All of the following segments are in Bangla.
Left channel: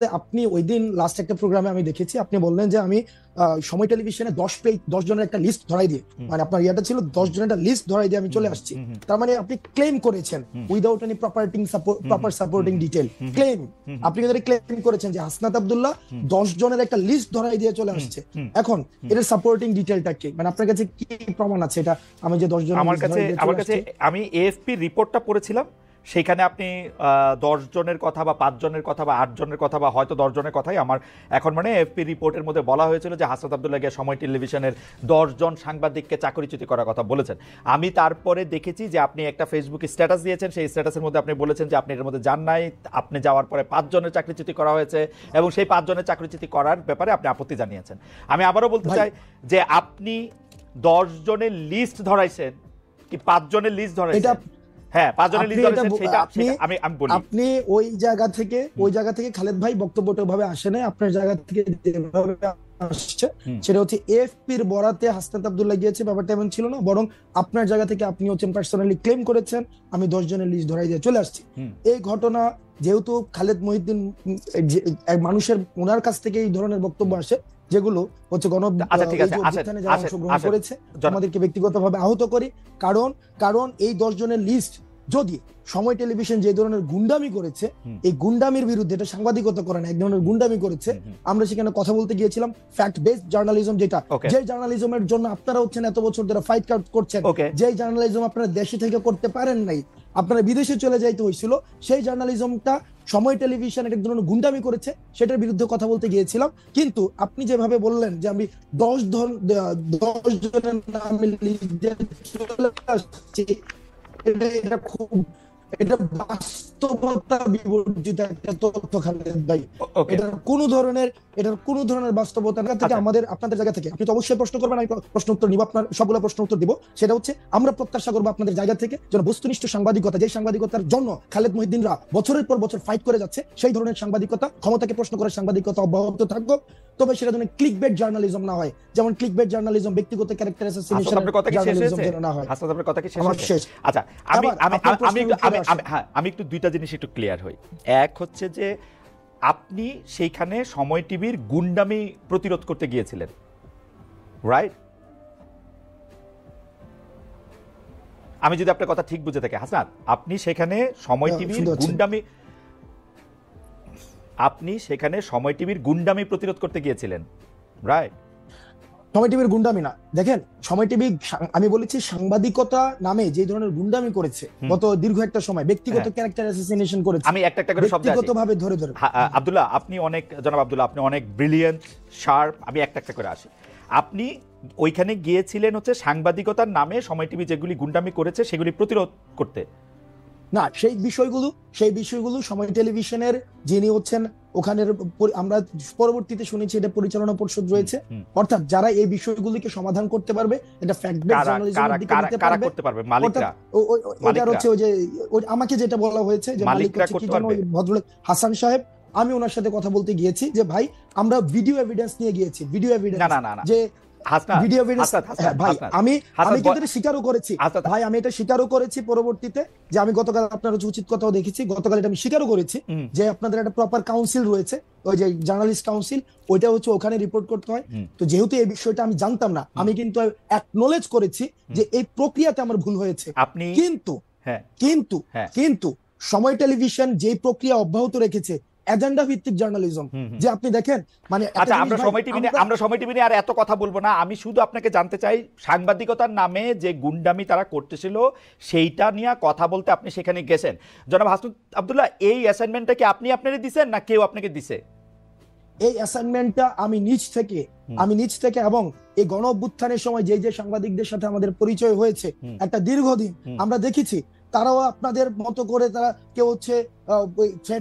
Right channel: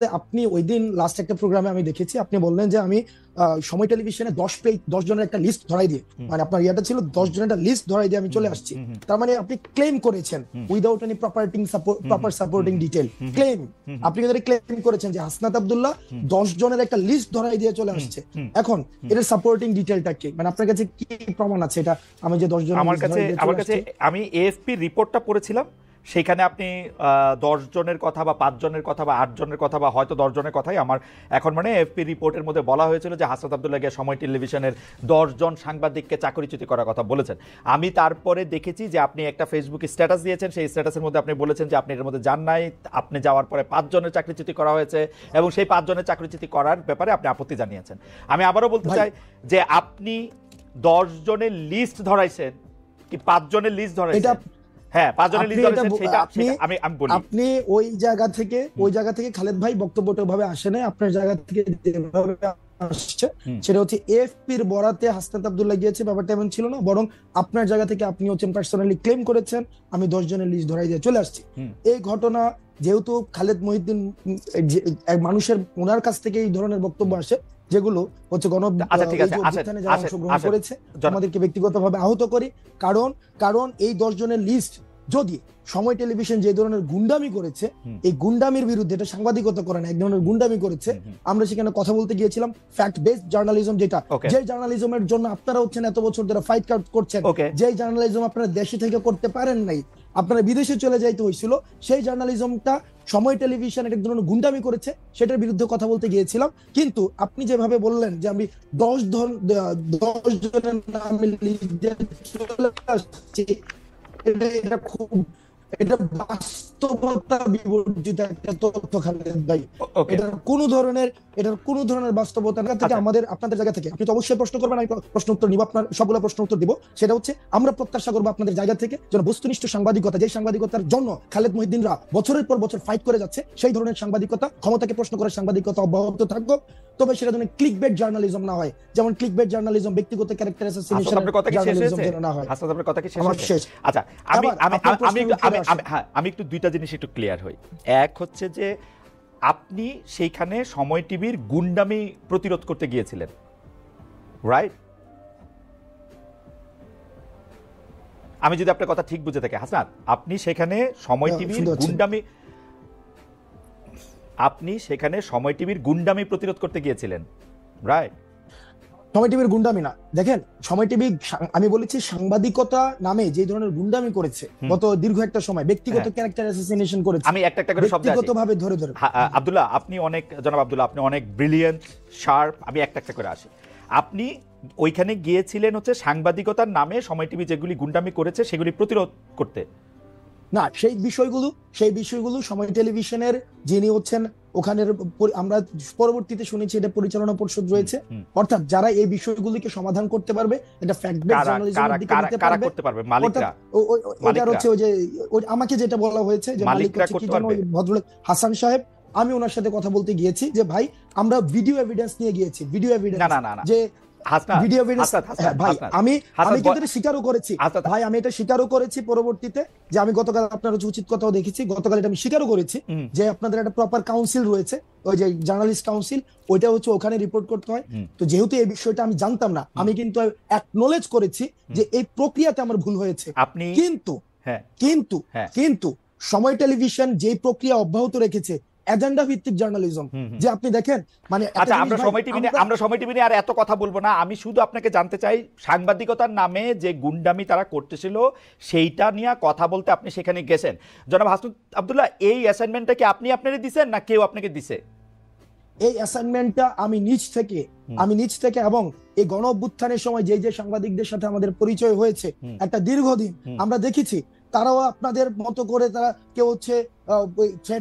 আপনি ওই দিন লাস্ট একটা প্রোগ্রামে আমি দেখেছি আপনি বললেন যে আমি সময় টেলিভিশনে 10 জনের একটা লিস্ট ধরাই দিয়ে, মানে আপনার ইয়াটা ছিল 10 জনের একটা লিস্ট ধরাই দিয়ে আমি চলে আসছি। তার মানে আপনি ক্লেম করেছেন without any proper supporting detail claim, আপনি যদি ক্লেম করেছেন যে হাসনাত আব্দুল্লাহ 10 জনের একটা লিস্ট ধরাই দিয়ে চলে আসছে। এখন এর সাপোর্টিং ডিটেলটা কি, মানে আপনার কাছে কি প্রমাণ আছে এটা? আমি যে 10 জনের আমার কাছে আমি এএফপি রিপোর্টটা পড়েছিলাম, সেখানে আপনি 10 জনের কথা বা 5 জনের কথা বা 8 জনের কথা বা হয়তো 10 জনের কথাই আমার এখন মানে এএফপি রিপোর্টের মধ্যে বলা হয়েছিল যে হাসনাত আব্দুল্লাহ গিয়ে সময় টেলিভিশনের 10 জন সাংবাদিককে চাকরিচ্যুতি করার কথা বলেছেন। আমি তারপরে দেখেছি যে আপনি একটা ফেসবুকে স্ট্যাটাস দিয়েছেন, সেই স্ট্যাটাসের মধ্যে আপনি বলেছেন যে আপনি এর মধ্যে যান নাই, আপনি যাওয়ার পরে 5 জনের চাকরিচ্যুতি করা হয়েছে এবং সেই 5 জনের চাকরিচ্যুতি করার ব্যাপারে আপনি আপত্তি জানিয়েছেন। আমি আবারও বলতে চাই যে আপনি 10 জনের লিস্ট ধরাইছেন কি 5 জনের লিস্ট ধরাইছেন? আপনি ওই জায়গা থেকে খালেদ ভাই বক্তব্যটা ভাবে আসে নাই, আপনার জায়গা থেকে আসছে সেটা হচ্ছে এএফপির বরাতে হাসনাত আব্দুল্লাহ গিয়েছে, ব্যাপারটা এমন ছিল না, বরং আপনার জায়গা থেকে আপনি হচ্ছেন পার্সোনালি ক্লেম করেছেন আমি 10 জনের লিস্ট ধরাই দিয়ে চলে আসছি। এই ঘটনা যেহেতু খালেদ মহিউদ্দিন মানুষের ওনার কাছ থেকে এই ধরনের বক্তব্য আসে যেগুলো হচ্ছে অংশগ্রহণ করেছে, আমাদেরকে ব্যক্তিগতভাবে আহত করি, কারণ এই 10 জনের লিস্ট যদি সময় টেলিভিশন যে ধরনের গুন্ডামি করেছে, এই গুন্ডামির বিরুদ্ধে, এটা সাংবাদিকতা করে না, এক ধরনের গুন্ডামি করেছে, আমরা সেখানে কথা বলতে গিয়েছিলাম ফ্যাক্ট বেসড জার্নালিজম, যেটা যে জার্নালিজমের জন্য আপনারা হচ্ছেন এত বছর ধরে ফাইট করছেন, যে জার্নালিজম আপনারা দেশে থেকে করতে পারেন নাই, আপনারা বিদেশে চলে যাইতে হয়েছিল, সেই জার্নালিজমটা সময় টেলিভিশন এক ধরনের গুন্ডামি করেছে, সেটার বিরুদ্ধে কথা বলতে গিয়েছিলাম। কিন্তু আপনি যেভাবে বললেন যে আমি 10 জনের নামে কোন ধরনের বাস্তবতা আমাদের আপনাদের জায়গা থেকে আপনি তো অবশ্যই প্রশ্ন করবেন, আমি প্রশ্ন উত্তর দিব, আপনার সবগুলো প্রশ্ন উত্তর দিব। সেটা হচ্ছে আমরা প্রত্যাশা করবো আপনাদের জায়গা থেকে যেন বস্তুনিষ্ঠ সাংবাদিকতা, যে সাংবাদিকতার জন্য খালেদ মহিউদ্দিনরা বছরের পর বছর ফাইট করে যাচ্ছে, সেই ধরনের সাংবাদিকতা, ক্ষমতাকে প্রশ্ন করে সাংবাদিকতা অব্যাহত থাকবে, তবে সেটা যেন ক্লিকবেট জার্নালিজম না হয়, যেমন ক্লিকবেট জার্নালিজম ব্যক্তিগত ক্যারেক্টার অ্যাসাসিনেশন জার্নালিজম যেন না হয়। হাসান আপনার কথা কি শেষ? আচ্ছা, আমি একটু দুইটা জিনিস একটু ক্লিয়ার হই। এক হচ্ছে যে আপনি সেইখানে সময় টিভির গুন্ডামি প্রতিরোধ করতে গিয়েছিলেন, রাইট? আমি যদি আপনার কথা ঠিক বুঝে থাকি হাসান, আপনি সেখানে সময় টিভির গুন্ডামি প্রতিরোধ করতে গিয়েছিলেন, রাইট? সময় টিভির গুন্ডামি না, দেখেন সময় টিভি, আমি বলেছি সাংবাদিকতা নামে যে ধরনের গুন্ডামি করেছে গত দীর্ঘ একটা সময়, ব্যক্তিগত ক্যারেক্টার অ্যাসাসিনেশন করেছে, আমি একটা করে শব্দ ব্যক্তিগতভাবে ধরে আব্দুল্লাহ, আপনি অনেক, জনাব আব্দুল্লাহ, আপনি অনেক ব্রিলিয়েন্ট, শার্প, আমি একটা করে আসি। আপনি ওইখানে গিয়েছিলেন হচ্ছে সাংবাদিকতার নামে সময় টিভি যেগুলি গুন্ডামি করেছে সেগুলি প্রতিরোধ করতে না, সেই বিষয়গুলো সময় টেলিভিশনের যিনি হচ্ছেন ওখানে, আমরা পরবর্তীতে শুনেছি এটা পরিচালনা পরিষদ রয়েছে, অর্থাৎ যারা এই বিষয়গুলিকে সমাধান করতে পারবে, আমাকে যেটা বলা হয়েছে যে ভদ্রলোক হাসান সাহেব, আমি ওনার সাথে কথা বলতে গিয়েছি যে ভাই আমরা ভিডিও এভিডেন্স নিয়ে গিয়েছি, ভিডিও এভিডেন্স যে আমি এটা স্বীকারও করেছি পরবর্তীতে, যে আমি গতকাল আপনার উচিত কথাও দেখেছি, গতকাল এটা আমি স্বীকারও করেছি যে আপনাদের একটা প্রপার কাউন্সিল রয়েছে, ওই যে জার্নালিস্ট কাউন্সিল, ওইটা হচ্ছে ওখানে রিপোর্ট করতে হয়। তো যেহেতু এই বিষয়টা আমি জানতাম না, আমি কিন্তু অ্যাকনলেজ করেছি যে এই প্রক্রিয়াটা আমার ভুল হয়েছে, কিন্তু সময় টেলিভিশন যে প্রক্রিয়া অব্যাহত রেখেছে এজেন্ডা ভিত্তিক জার্নালিজম, যে আপনি দেখেন, মানে আমরা সময় টিভি নিয়ে আর এত কথা বলবো না, আমি শুধু আপনাকে জানতে চাই সাংবাদিকতার নামে যে গুন্ডামি তারা করতেছিল সেইটা নিয়ে কথা বলতে আপনি সেখানে গেছেন। জনাব আব্দুল্লাহ, এই অ্যাসাইনমেন্টটা কি আপনি আপনারই দিবেন না কেউ আপনাকে দিছে? এই অ্যাসাইনমেন্টটা আমি নিজ থেকে এবং এই গণ অভ্যুত্থানের সময় যে সাংবাদিকদের সাথে আমাদের পরিচয় হয়েছে একটা দীর্ঘদিন, আমরা দেখেছি তারাও আপনাদের মতো করে তারা কেউ হচ্ছে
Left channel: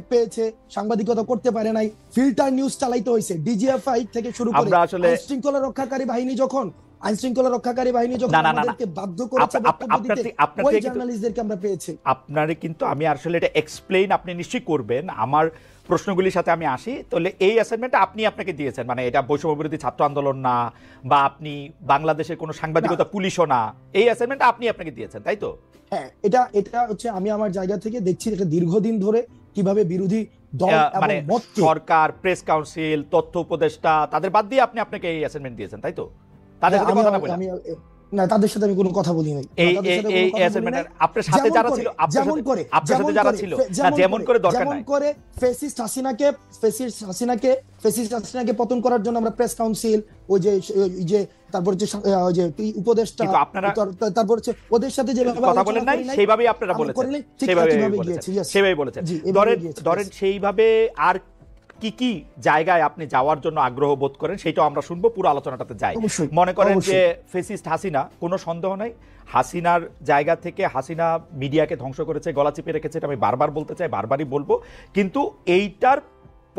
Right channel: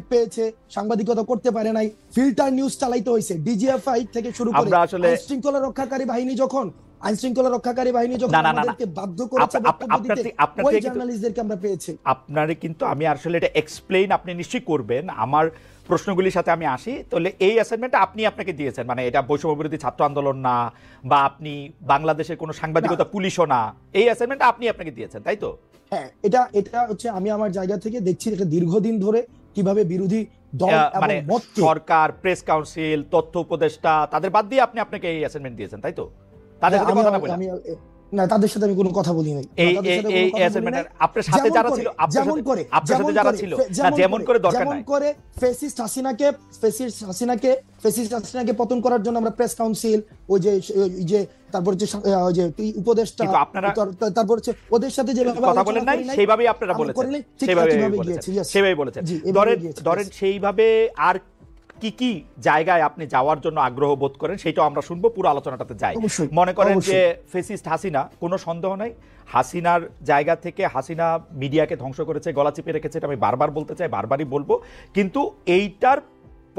পেয়েছে, সাংবাদিকতা করতে পারে নাই, ফিল্টার নিউজ চালাইতে হয়েছে, ডিজিএফআই থেকে শুরু করে আইনশৃঙ্খলা রক্ষাকারী বাহিনী যখন বাধ্য করেছে আমরা পেয়েছি। আপনারা কিন্তু আমি আসলে এটা এক্সপ্লেইন আপনি নিশ্চয়ই করবেন, আমার প্রশ্নগুলির সাথে আমি আসি। তাহলে এই অ্যাসাইনমেন্টটা আপনি আপনাকে দিয়েছেন, মানে এটা বৈষম্য বিরোধী ছাত্র আন্দোলন না, বা আপনি বাংলাদেশের কোনো সাংবাদিকতা পুলিশও না, এই অ্যাসাইনমেন্টটা আপনি আপনাকে দিয়েছেন, তাই তো? হ্যাঁ, এটা হচ্ছে আমি আমার জায়গা থেকে দেখছি এটা দীর্ঘদিন ধরে কিভাবে বিরোধী দল এবং মানে মতকে সরকার, প্রেস কাউন্সিল, তথ্য উপদেষ্টা তাদের বাদ দিয়ে আপনি আপনাকে এই অ্যাসাইনমেন্ট দিয়েছেন, তাই তো? তাদের সাথে কথা না বলে না, তাদের সাথে আমি কোনো কথা বলি নাই। এই অ্যাসাইনমেন্টের আপনার সাথে যারা ছিল, যেমন করে যারা ছিল না, যেমন করে দরকার যেমন নাই। করে ফেসিস্ট হাসিনাকে পতন করার জন্য আমরা প্রেস কাউন্সিল, ওই যে তারপর যে ওই যে উপদেষ্টা, তারপর হচ্ছে ওদের সাথে যে কথা বলেন নাই, সেইভাবেই আপনারা বলেছেন, সেইভাবেই সেইভাবেই বলেছেন। ধরেন সেইভাবে আর কি কি জায়গায় আপনি যাওয়ার জন্য আগ্রহ বোধ করেন সেটাও আমরা শুনবো, পুরো আলোচনাটাতে যাই। মনে করেন যে ফেসিস্ট হাসিনা, কোনো সন্দেহ নাই হাসিনার জায়গা থেকে হাসিনা মিডিয়াকে ধ্বংস করেছে, গলা চিপে রেখেছে, আমি বারবার বলতে চাই, বারবারই বলবো। কিন্তু এইটার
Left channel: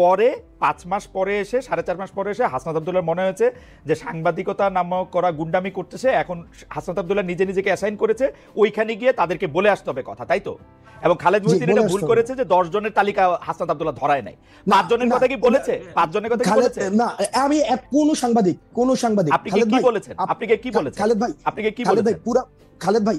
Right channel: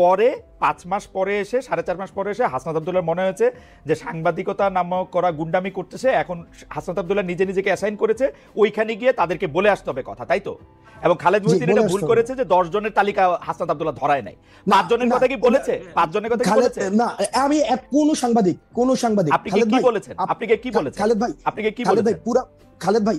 পরে 5 মাস পরে এসে, 4.5 মাস পরে এসে হাসনাত আব্দুল্লাহর মনে হয়েছে যে সাংবাদিকতা নামক করা গুন্ডামি করতেছে, এখন হাসনাত আব্দুল্লাহ নিজেকে অ্যাসাইন করেছে ওইখানে গিয়ে তাদেরকে বলে আসতে হবে কথা, তাই তো? এবং খালেদ মহিউদ্দিন এটা ভুল করেছে যে 10 জনের তালিকা হাসনাত আব্দুল্লাহ ধরায় নাই। 5 জনের কথা কি বলেছে? 5 জনের কথা কি বলেছে? না, আমি কোন সাংবাদিক খালেদ ভাই বলেছেন, আপনি কি বলেছেন? খালেদ ভাই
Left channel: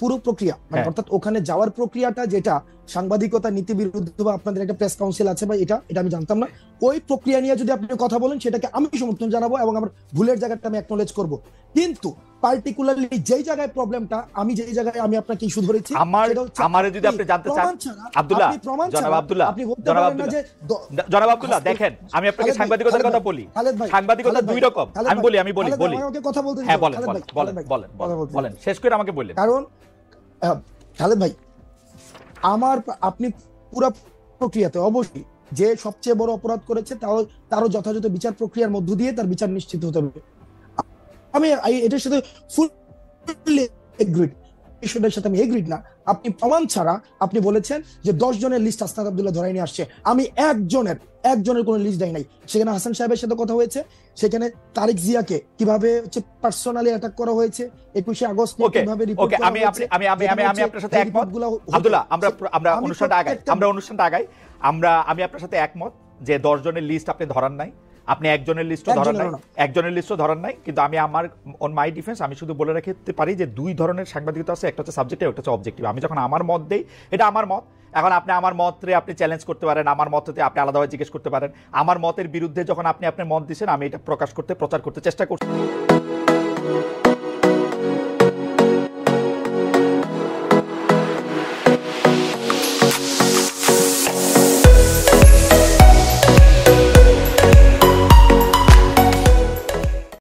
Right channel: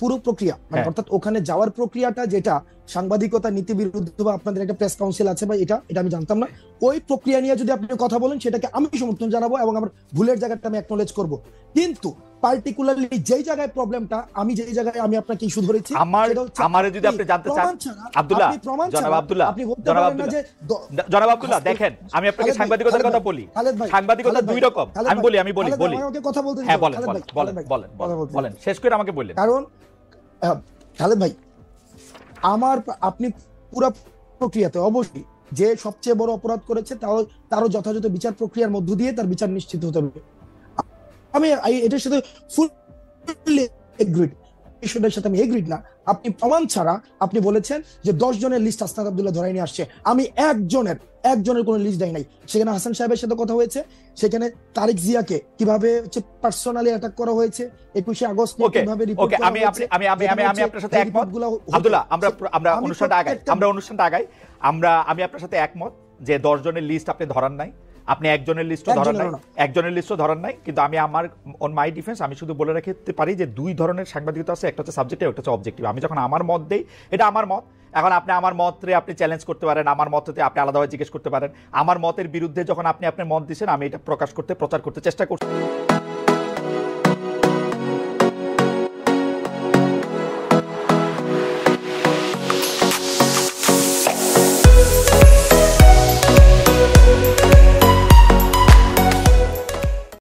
পুরো প্রক্রিয়া, মানে অর্থাৎ ওখানে যাওয়ার প্রক্রিয়াটা যেটা সাংবাদিকতা নীতি বিরুদ্ধ বা আপনাদের একটা প্রেস কাউন্সিল আছে বা এটা আমি জানতাম না। ওই প্রক্রিয়া নিয়ে যদি আপনি কথা বলেন সেটাকে আমি সমর্থন জানাবো এবং আমার ভুলের জায়গাটা আমি অ্যাকনলেজ করব। কিন্তু পার্টিকুলারলি যেই জায়গায় প্রবলেমটা, আমি যেই জায়গায় আমি আপনাকে ইস্যু ধরেছি, আমারে যদি আপনি জানতে চান আব্দুল্লাহ, জনাব আব্দুল্লাহ দেখেন, আমি আপনাকে সাংবাদিকতার কথা বলি। সাংবাদিকতা দুই রকম, আমি বলি হ্যাঁ বলেন, শেষ করে আমাকে বললেন। কারণ খালেদ ভাই, আপনি পুরো প্রক্রিয়াতে অবশ্যই যে সবচেয়ে বড় অপরাধ করেছে তারও যথাযথ বিচার প্রক্রিয়ার মধ্য দিয়ে তার বিচার নিশ্চিত হতে হবে। আমি এটার সাথে ফুললি এগ্রিড, ইস্যুটার সাথে আমি এগ্রিড না। আপনি প্রমাণ ছাড়া আপনি বলেছেন যে 10 জনের লিস্ট হাসনাত আব্দুল্লাহ ধরাই নিয়ে আসছে। আমি একজনের কোনো লিস্ট দেয় নাই। সেখানে হাসান সাহেবের সাথে কথা হয়েছে, সেখানে তারেক জিয়াকে কিভাবে পার্সোনালি অ্যাটাক করা হয়েছে, 21 আগস্ট কিভাবে রিপোর্ট করা হয়েছে। আমি আপনার সাথে একমত আব্দুল্লাহ, আমরা অনুষ্ঠানটা আগাই। আমি আপনার সাথে একমত যে 10 জনের লিস্ট আপনি ধরান নাই, আপনি একজনের লিস্টও ধরান নাই। কিন্তু আমি আমার অন মাই ডিফেন্স আমি শুধু বলে রাখতে পারি যে 2 ধরনের সাংবাদিকতা আছে, একটা হচ্ছে সাবজেক্টিভ, একটা হচ্ছে অবজেক্টিভ। আমি যখন আমার মত দেই, এটা আমার মত। এখন আপনি আমার মতরে আপনি চ্যালেঞ্জ করতে পারেন, আমার মততে আপনি আলাদাভাবে জিজ্ঞেস করতে পারেন। আমার মতের বিরুদ্ধে যখন আপনি আপনার মত দিচ্ছেন, আমি এটা প্রচার করতে চেষ্টা করছি।